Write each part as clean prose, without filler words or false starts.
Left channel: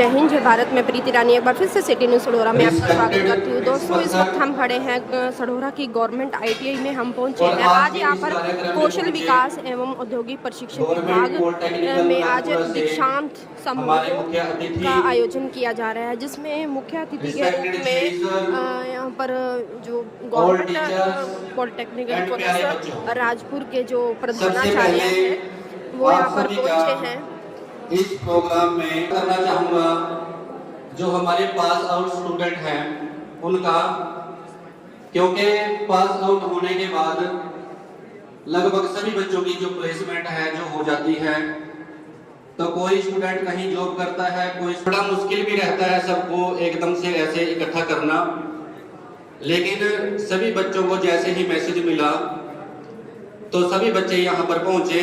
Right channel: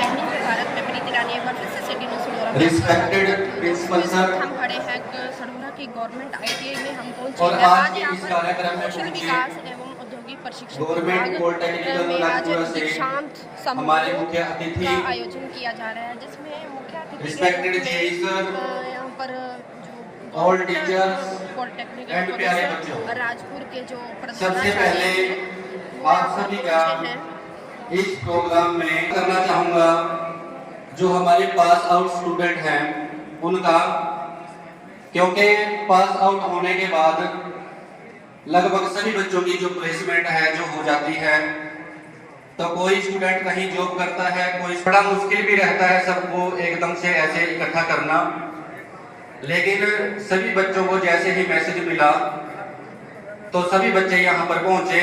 जय हिंद, जय भारत। मैं प्रीति रानी एक बार फिर से सिटी न्यूज़ सड़ोरा में आपका स्वागत करती हूँ। दोस्तों, इस वक्त हम खड़े हैं सड़ोरा की गवर्नमेंट ITI में हम पहुँचे हैं। आज यहाँ पर कौशल विकास एवं औद्योगिक प्रशिक्षण विभाग में आज दीक्षांत समारोह का आयोजन किया जा रहा है, जिसमें मुख्य अतिथि के रूप में यहाँ पर जो गवर्नमेंट पॉलिटेक्निकल कॉलेज राजपुर के जो प्रधानाचार्य हैं वो यहाँ पर पहुँचे हैं। इस प्रोग्राम में करना चाहूँगा जो हमारे पास आउट स्टूडेंट हैं उनका, क्योंकि पास आउट होने के बाद लगभग सभी बच्चों की जो प्लेसमेंट है जो हो जाती है, तो कोई स्टूडेंट कहीं जॉब करता है, कोई बड़ा मुश्किल भी रहता है सबको एकदम से ऐसे इकट्ठा करना। लेकिन सभी बच्चों को जैसे ही मैसेज मिला तो सभी बच्चे यहाँ पर पहुँचे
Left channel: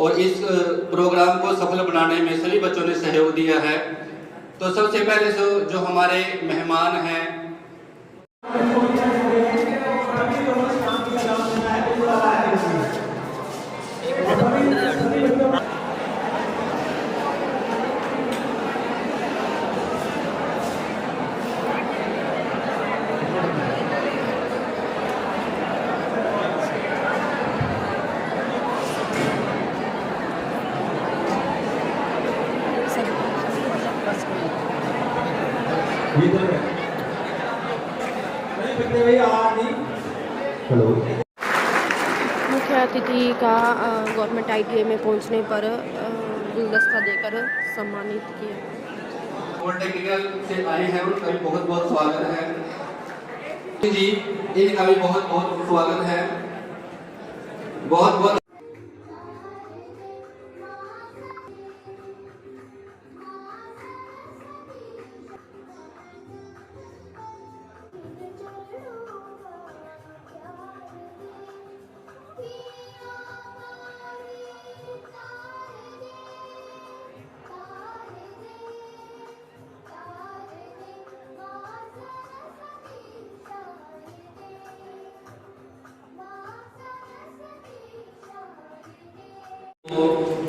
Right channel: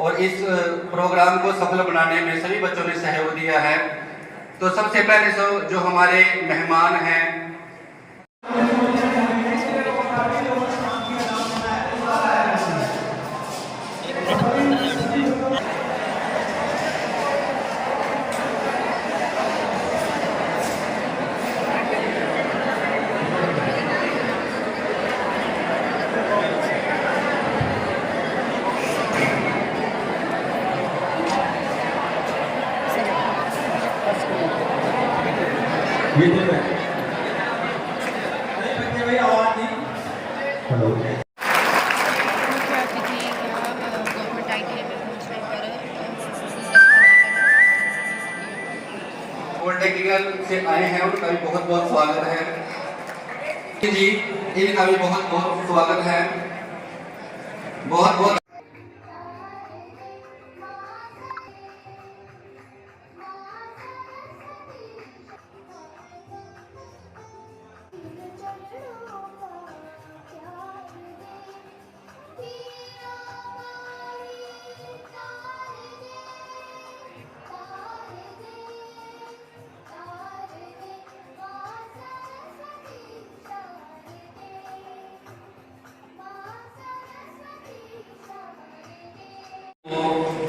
और इस प्रोग्राम को सफल बनाने में सभी बच्चों ने सहयोग दिया है। तो सबसे पहले जो हमारे मेहमान हैं, मुख्य अतिथि का गवर्नमेंट ITI में पहुंचने पर गुलदस्ता देकर सम्मानित किया। पॉलिटेक्निकल से आए हैं, उनका भी बहुत बहुत स्वागत है जी। इनका भी बहुत बहुत स्वागत है। बहुत बहुत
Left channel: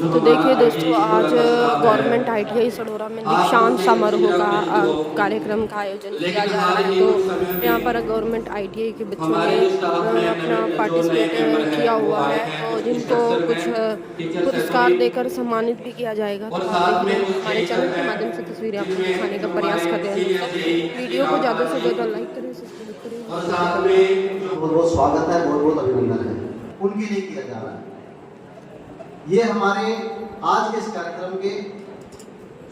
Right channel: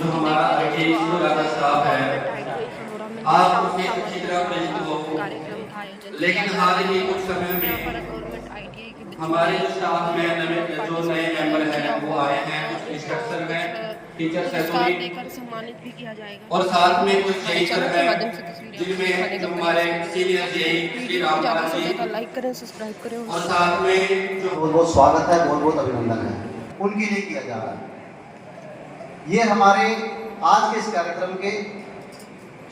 तो देखिए दोस्तों, आज गवर्नमेंट ITI सड़ोरा में दीक्षांत समारोह का कार्यक्रम का आयोजन किया जा रहा है। तो यहाँ पर गवर्नमेंट ITI के बच्चों ने अपना पार्टिसिपेट किया हुआ है और जिनको कुछ पुरस्कार देकर सम्मानित भी किया जाएगा। हमारे चैनल के माध्यम से तस्वीरें आपको दिखाने का प्रयास कर रहे हैं। वीडियो को ज़्यादा से ज़्यादा लाइक करें, सब्सक्राइब करें और बहुत बहुत स्वागत है, बहुत बहुत अभिनंदन है उनके लिए किया जा रहा है। ये हमारे आज के इस कार्यक्रम के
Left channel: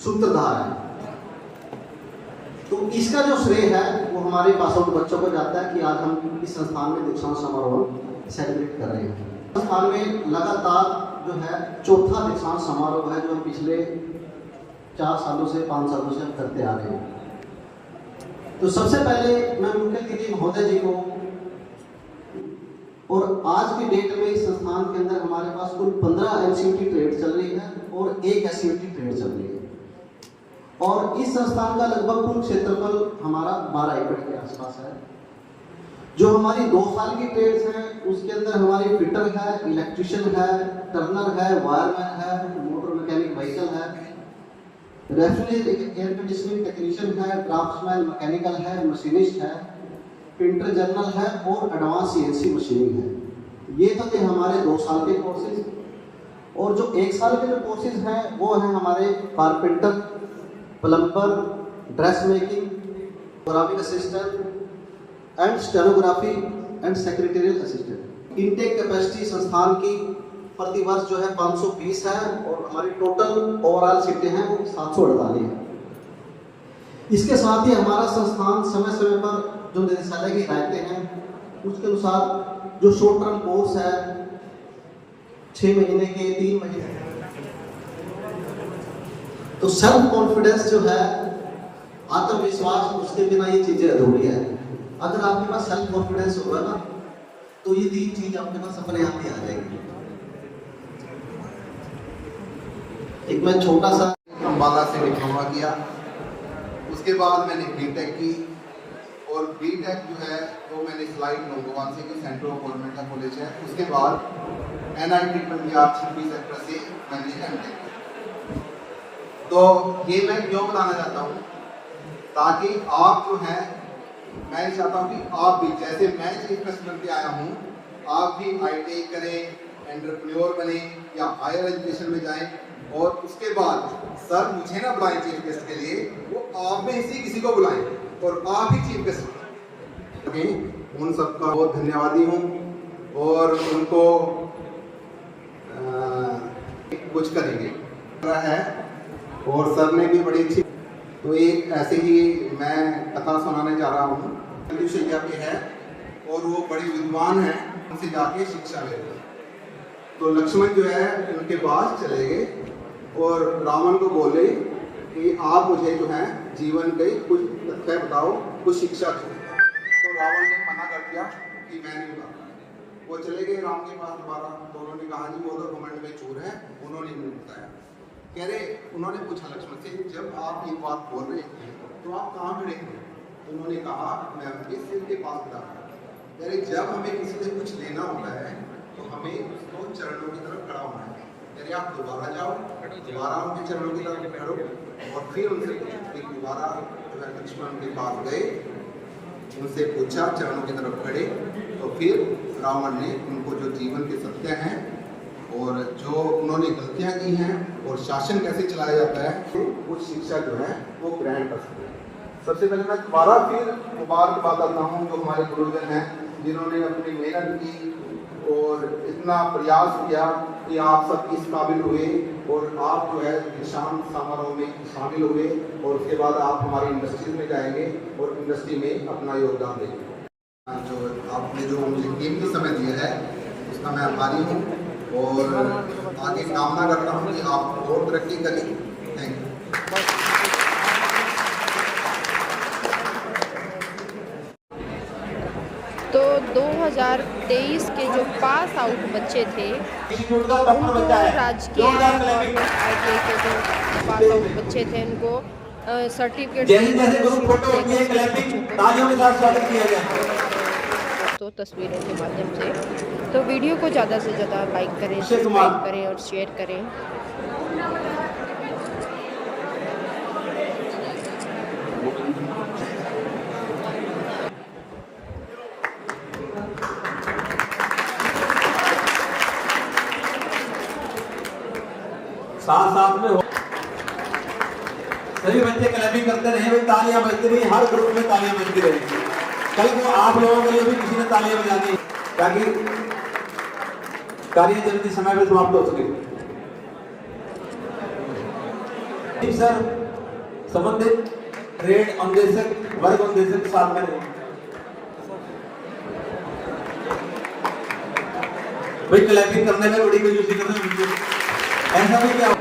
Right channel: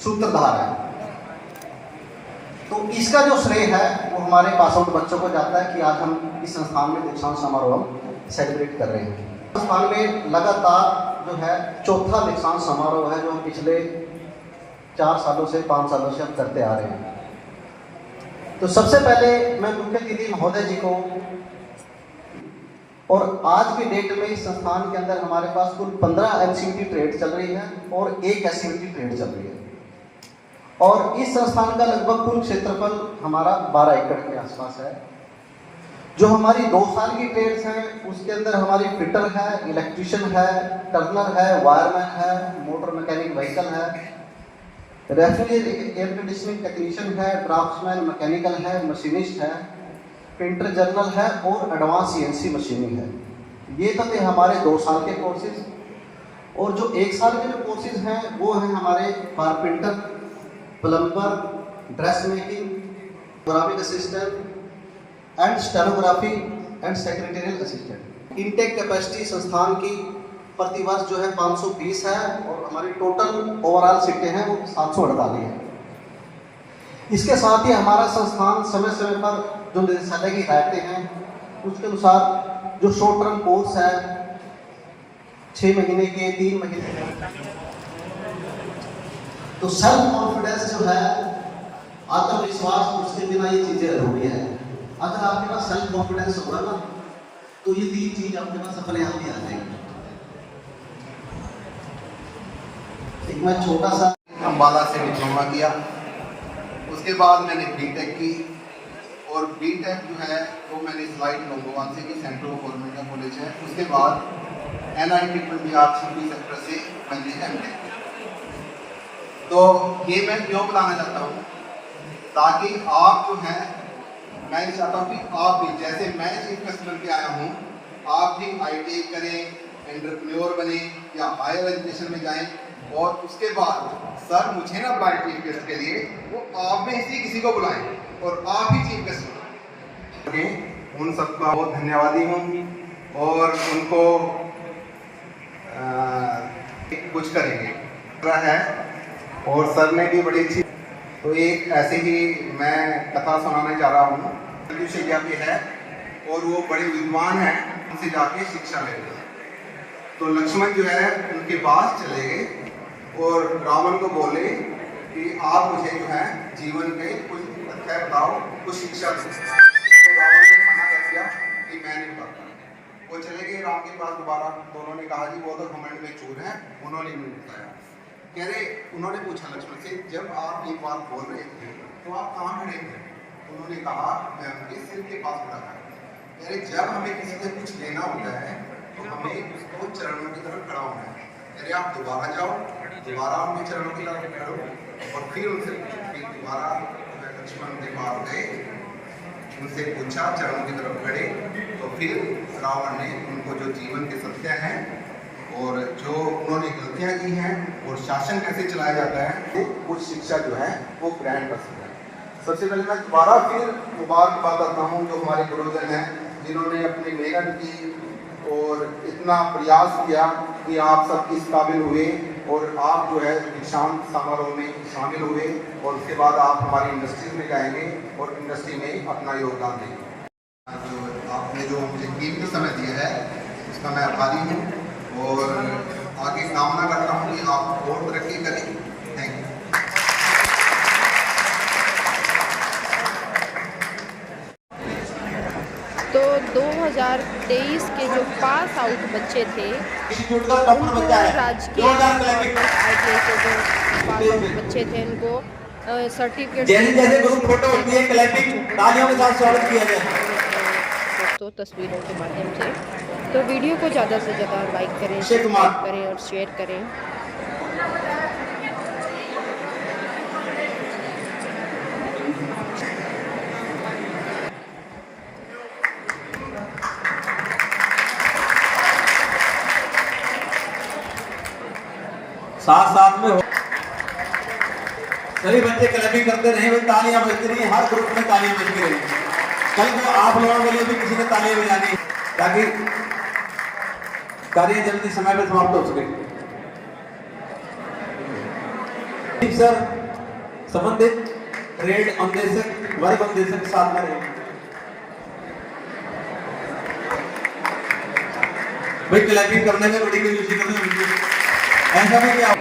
सूत्रधार हैं। तो इसका जो श्रेय है वो हमारे पास आउट बच्चों को जाता है कि आज हम इस संस्थान में दीक्षांत समारोह सेलिब्रेट कर रहे हैं। संस्थान में लगातार जो है चौथा दीक्षांत समारोह है, जो हम पिछले 4 सालों से 5 सालों से हम करते आ रहे हैं। तो सबसे पहले मैं मुख्य अतिथि महोदय जी को, और आज की डेट में इस संस्थान के अंदर हमारे पास कुल 15 MCUT ट्रेड चल रही है और 1 SCUT ट्रेड चल रही है। और इस संस्थान का लगभग कुल क्षेत्रफल हमारा 12 एकड़ के आसपास है। जो हमारी 2 साल की ट्रेड्स हैं उसके अंदर हमारी फिटर है, इलेक्ट्रिशियन है, टर्नर है, वायरमैन है, मोटर मैकेनिक व्हीकल है, रेफ्रिजरेटर एयर कंडीशनिंग टेक्नीशियन है, ड्राफ्ट्समैन मैकेनिकल है, मशीनिस्ट है, प्रिंटर जर्नल है और एडवांस CNC मशीनिंग है। ये तो थे हमारे 2 साल के कोर्सेज। और जो 1 साल के जो कोर्सेज हैं वो हैं हमारे carpenter, plumber, dress making, graphic assistant and stenography and secretarial assistant. Intake capacity संस्थान की प्रति वर्ष जो है 520 है और हमारी टोटल ओवरऑल सीटें हैं 748 है। इसके साथ ही हमारा संस्थान समय समय पर जो निदेशालय की हिदायतें हैं उसके अनुसार जो शॉर्ट टर्म कोर्स है 6 महीने के, 3 महीने के, तो सेल्फ कॉन्फिडेंस जो है, आत्मविश्वास, उसके बिना ये चीजें अधूरी है। अगर आपके पास सेल्फ कॉन्फिडेंस होगा ना तो ये 3 चीज आपके पास अपने आप ही आ जाएगी। एक मैं छोटा सा अम्बाला से डिप्लोमा किया, उसके बाद मैंने बीटेक की और बीटेक जो है वो मैंने स्लाइड लोंगोवाल से की, सेंट्रल गवर्नमेंट का कॉलेज है। उसके बाद NIT पंजाब 26 सेक्टर से मैंने MTech तो ये मैं क्यों बनाना चाहता हूँ, ताकि आप जो है, मैं चाहता हूँ कि आप भी, जैसे मैं चीफ गेस्ट बन के आया हूँ, आप भी ITI करें, एंटरप्रेन्योर बने या हायर एजुकेशन में जाएं, और उसके बाद सर मुझे ना बुलाएं चीफ गेस्ट के लिए, वो आप में से किसी को बुलाएं और आप ही चीफ गेस्ट बने। उन सबका बहुत धन्यवादी हूँ और उनको कुछ करेंगे है। और सर ने भी बड़ी अच्छी, तो एक ऐसे ही मैं कथा सुनाने जा रहा हूँ। शिक्षा पे है और वो बड़े विद्वान हैं, उनसे जाके शिक्षा ले रहे हैं। तो लक्ष्मण जो है उनके पास चले गए और रावण को बोले कि आप मुझे जो है जीवन के कुछ तथ्य बताओ, कुछ शिक्षा दो। तो रावण ने मना कर दिया कि मैं नहीं बताता। वो चले गए राम के पास दोबारा, तो उन्होंने कहा जी वो तो घमंड में चूर है, उन्होंने नहीं बताया। कह रहे, उन्होंने पूछा लक्ष्मण से, जब आप ये बात बोल रहे थे तो आप कहाँ खड़े थे? उन्होंने कहा मैं उनके सिर के पास खड़ा था। कह रहे, जब हमें किसी से कुछ लेना होता है तो हमें उसको चरणों की तरफ खड़ा होना है। कह रहे, आप दोबारा जाओ, दोबारा उनके चरणों की तरफ खड़ो और फिर उनसे फिर दोबारा लक्ष्मण के पास गए, उनसे पूछा, चरणों की तरफ खड़े, तो फिर रावण ने उनको जो जीवन के सत्य हैं और जो उन्होंने गलतियां की हैं और शासन कैसे चलाया जाता है, वो शिक्षा जो है वो ग्रहण कर सकते हैं। सबसे पहले मैं दोबारा फिर दोबारा की बात करता हूँ, जो हमारे गुरुजन हैं जिन्होंने अपनी मेहनत की और इतना प्रयास किया कि आप सब इस काबिल हुए और आप जो है दीक्षांत समारोह में शामिल हुए और उसके बाद आप हमारी इंडस्ट्री में जाएंगे और इंडस्ट्री में अपना योगदान देंगे। जो आपने जो मुझे कीमती समय दिया है उसका मैं आभारी हूँ और आगे कामना करता हूँ कि आप और तरक्की करें। Thank you. तो 2023 के जो पास आउट बच्चे थे तो उनको राजकीय गवर्नमेंट ITI के जो पास आउट बच्चे थे उनको सर्टिफिकेट दोस्तों तस्वीरों के माध्यम से। तो वीडियो को ज़्यादा से ज़्यादा लाइक करें, सब्सक्राइब करें और शेयर करें। साथ साथ में सभी बच्चे क्लबिंग करते नहीं, वे तालियां बजती नहीं, हर ग्रुप में तालियां बजती रहेंगी। कल तो आप लोगों के लिए भी किसी ने तालियां बजानी ताकि कार्य जल्दी समय पर समाप्त हो सके। सर संबंधित ट्रेड अनुदेशक वर्ग अनुदेशक साथ में रहेंगे। भाई क्लबिंग करने में बड़ी क्यूरियोसिटी है, ऐसा भी क्या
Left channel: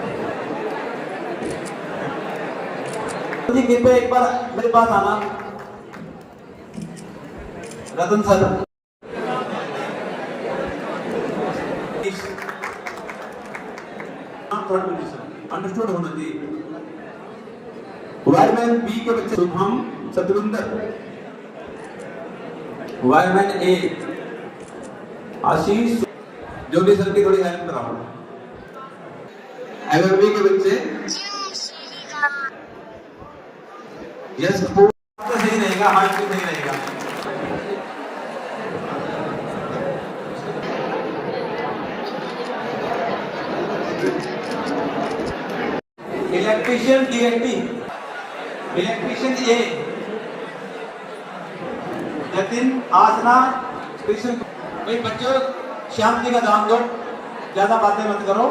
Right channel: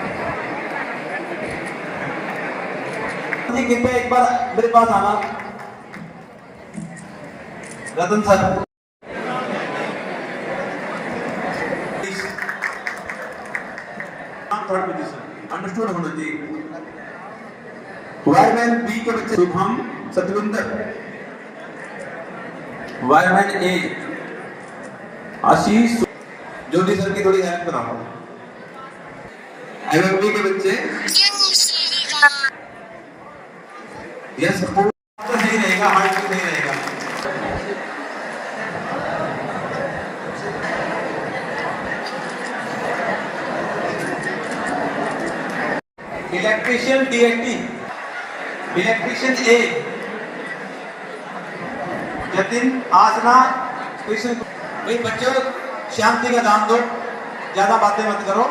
जी कृपया एक बार मेरे पास आना। रतन सर अंडरस्टूड होना चाहिए। वायरमैन बी के बच्चे शुभम सतविंदर, वायरमैन ए आशीष, ज्योति सर की थोड़ी हेल्प कराओ। IMB के बच्चे यस नहीं रहेगा, हार्ट नहीं रहेगा। इलेक्ट्रिशियन DIT, इलेक्ट्रिशियन ए जतिन आसना कृष्ण। एक बच्चों शांति का ध्यान दो, ज्यादा बातें मत करो।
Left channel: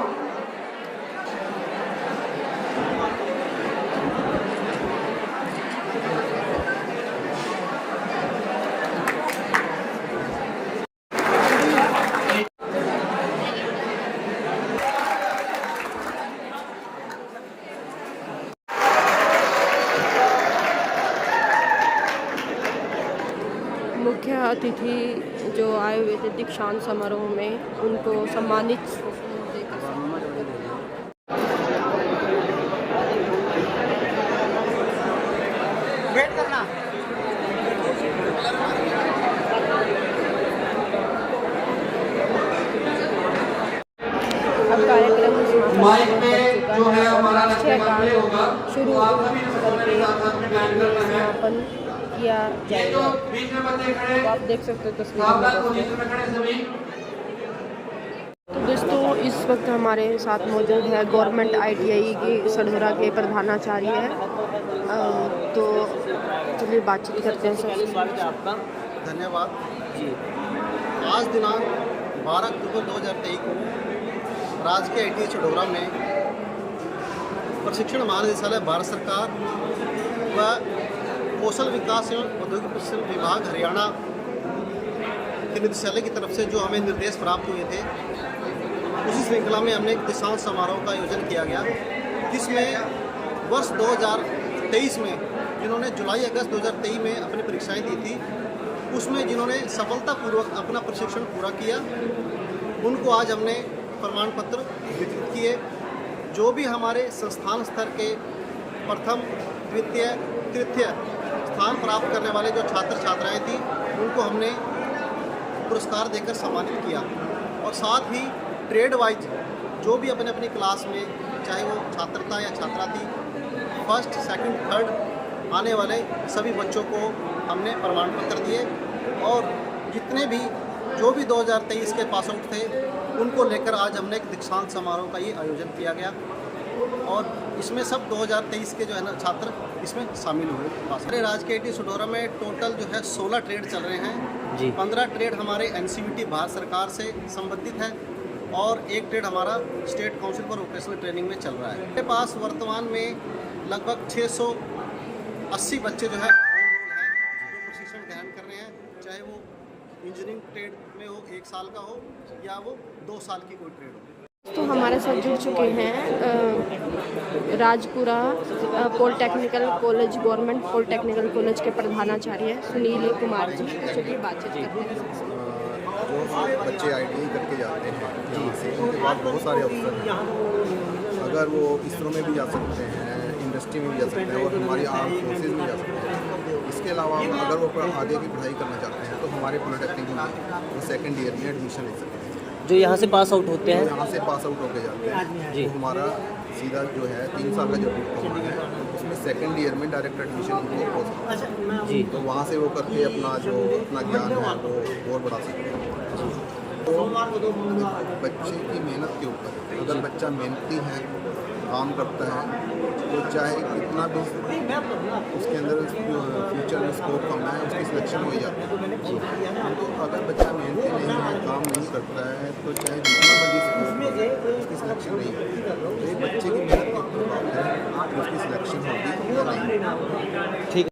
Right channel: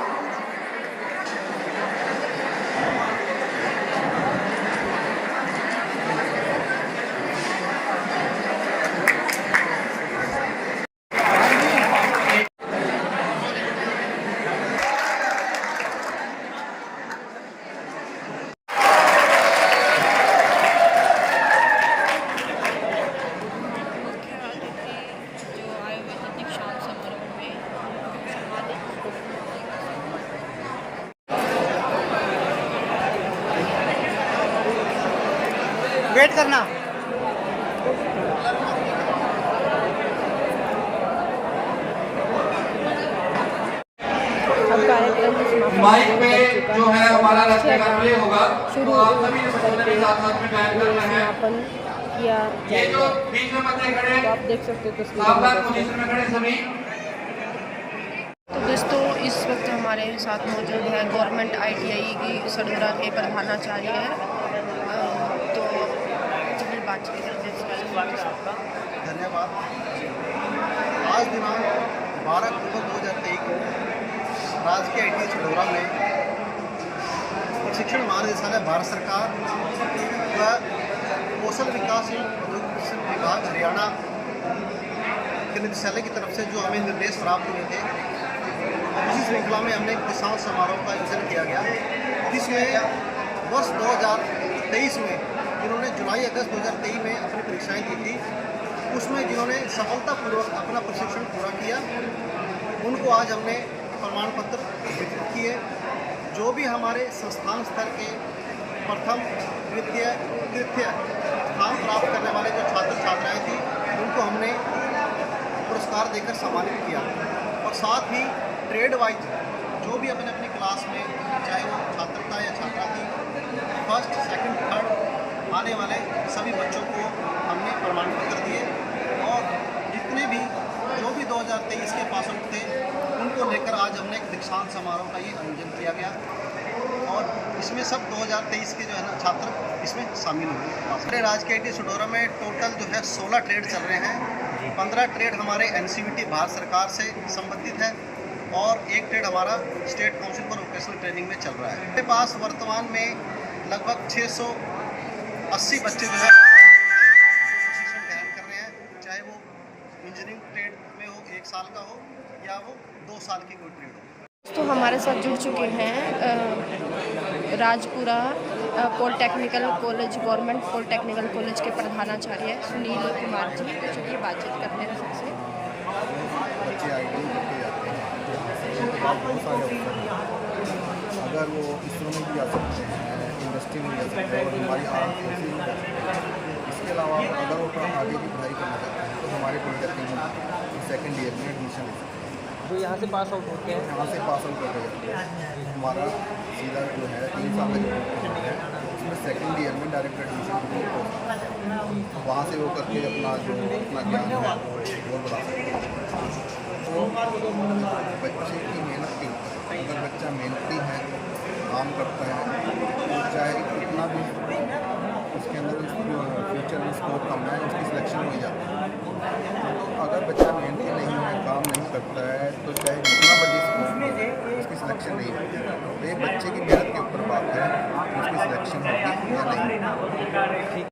अतिथि जो आए हुए थे दीक्षांत समारोह में, उनको सम्मानित वेट करना। अब कार्यक्रम कार्यक्रम समापन की ओर बढ़ चुका है और राष्ट्रीय गान शुरू करके ये समापन किया जाएगा। तो आप देख सकते हो तस्वीरों में दोस्तों। तो दोस्तों इस वक्त हमारे साथ मौजूद है गवर्नमेंट ITI की सढौरा के प्रधानाचार्य है। तो चलिए बातचीत करते हैं सबसे। धन्यवाद। आज दिनांक 12 अक्टूबर 2023 को राजकीय ITI सढौरा में प्रशिक्षण महानिदेशालय भारत सरकार व कौशल विकास एवं औद्योगिक प्रशिक्षण विभाग हरियाणा के निदेशालय की तरफ से जो हमें निर्देश प्राप्त हुए थे, उसी श्रृंखला में हमने एक दीक्षांत समारोह का आयोजन किया गया, जिसमें वर्ष 2023 में जिन्होंने जुलाई अगस्त 2023 में अपनी परीक्षाएं दी थी, उसमें जिन्होंने सफलतापूर्वक अपना प्रशिक्षण पूरा किया, उनको आज हमने प्रमाण पत्र वितरित किए। जो भी हमारे संस्थान स्तर के प्रथम, द्वितीय, तृतीय स्थान प्राप्त करने वाले जो छात्र छात्राएं थी, उनको हमने पुरस्कार देकर सम्मानित किया। और साथ ही ट्रेड वाइज जो भी अपने अपनी क्लास में, चाहे वो छात्र था या छात्रा थी, फर्स्ट, सेकंड, थर्ड आने वाले सभी बच्चों को हमने प्रमाण पत्र दिए। और जितने भी जो भी 2023 के पास आउट थे, उनको लेकर आज हमने एक दीक्षांत समारोह का ही आयोजन किया गया। और इसमें सब 2023 के जो है ना छात्र इसमें शामिल हुए। हमारे राजकीय ITI सढौरा में टोटल जो है 16 ट्रेड चल रहे हैं। 15 ट्रेड हमारे NCVT भारत सरकार से संबंधित है और एक ट्रेड हमारा state council for vocational training में चल रहा है। मेरे पास वर्तमान में लगभग 680 बच्चे जो है जो प्रशिक्षण ग्रहण कर रहे हैं, चाहे वो इंजीनियरिंग ट्रेड में हो 1 साल का हो या वो 2 साल की कोई ट्रेड हो। तो हमारे साथ जुड़ चुके हैं Rajpura polytechnical college, government polytechnical college के प्रधानाचार्य सुनील कुमार जी। तो चलिए बातचीत करते हैं सबसे। जो बच्चे ITI करके जाते हैं यहाँ से, उनके पास बहुत सारे अवसर हैं। अगर वो इसरो में भी जा सकते हैं, इंडस्ट्री में भी जा सकते हैं और हमारी आर्म फोर्सेज में जा सकते हैं। इसके अलावा अगर वो आगे की पढ़ाई करना चाहते हैं तो हमारे पॉलिटेक्निक में वो सेकेंड ईयर में एडमिशन ले सकते हैं। जो यहाँ से पास आउट होते हैं, तो यहाँ से पास आउट होकर जाते हैं, तो हमारा सीधा जो है 3 साल का जो डिप्लोमा है, उसमें सेकेंड ईयर में डायरेक्ट एडमिशन उनको हो सकता है। तो वहाँ से वो करके अपना ज्ञान है वो और बढ़ा सकते हैं। तो बच्चे की मेहनत के ऊपर, अगर बच्चा मेहनती है, काम करता है, तो चाहे कितना भी उसके अंदर फ्यूचर में स्कोप कम है, उसकी सिलेक्शन हो ही जाती है। तो अगर बच्चा मेहनती नहीं है, काम नहीं करता है, तो चाहे जितना बड़ी स्कोप हो, उसकी सिलेक्शन नहीं होती। तो एक बच्चे की मेहनत के ऊपर बात है कि उसकी सिलेक्शन होगी या नहीं।